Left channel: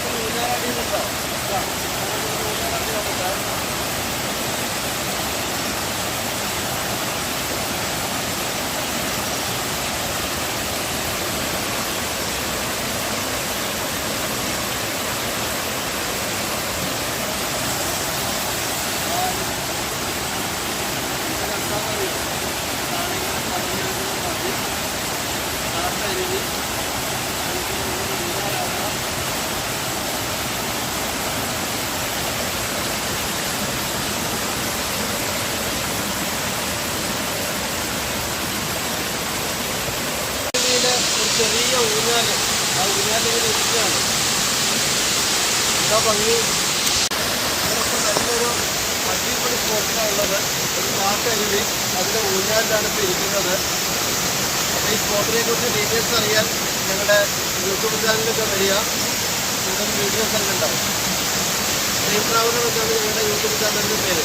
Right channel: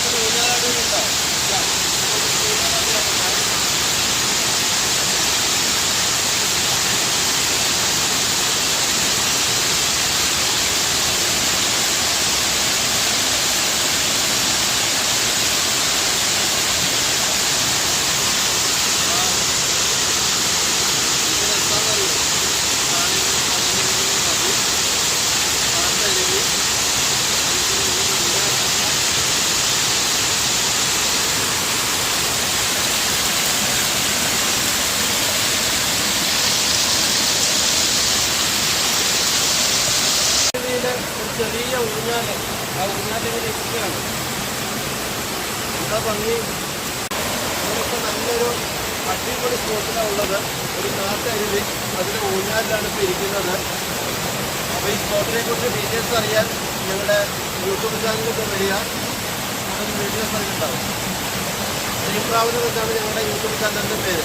좀 올려놔야 되겠다. ഒരു ചെറിയ ഊഞ്ഞാൽ. ആ ഊഞ്ഞാലിങ്ങനെ ഇരിക്കുകയാണ്. എന്താ ഭംഗി? നമ്മളിപ്പോൾ നല്ലൊരു അടിപൊളി സ്പോട്ടിലാണ് ഉള്ളത്. ഒരു നാട്ടരുവി. അതിന്റെ ഊഞ്ഞാലിലാണ് ഇപ്പോൾ ഇരിക്കുന്നത് അപ്പോൾ ഈ സ്പോട്ടിനെ കുറിച്ച് ഡീറ്റെയിൽസ് അറിയാൻ ഞങ്ങളുടെ യൂട്യൂബ് ചാനലിലൊക്കെ വരിക. നമുക്ക് വീഡിയോസ് ഉണ്ടാവും. ഡ്രീം ട്രാവലർ എന്നാണ് ഞങ്ങളുടെ യൂട്യൂബ് ചാനലിന്റെ പേര്.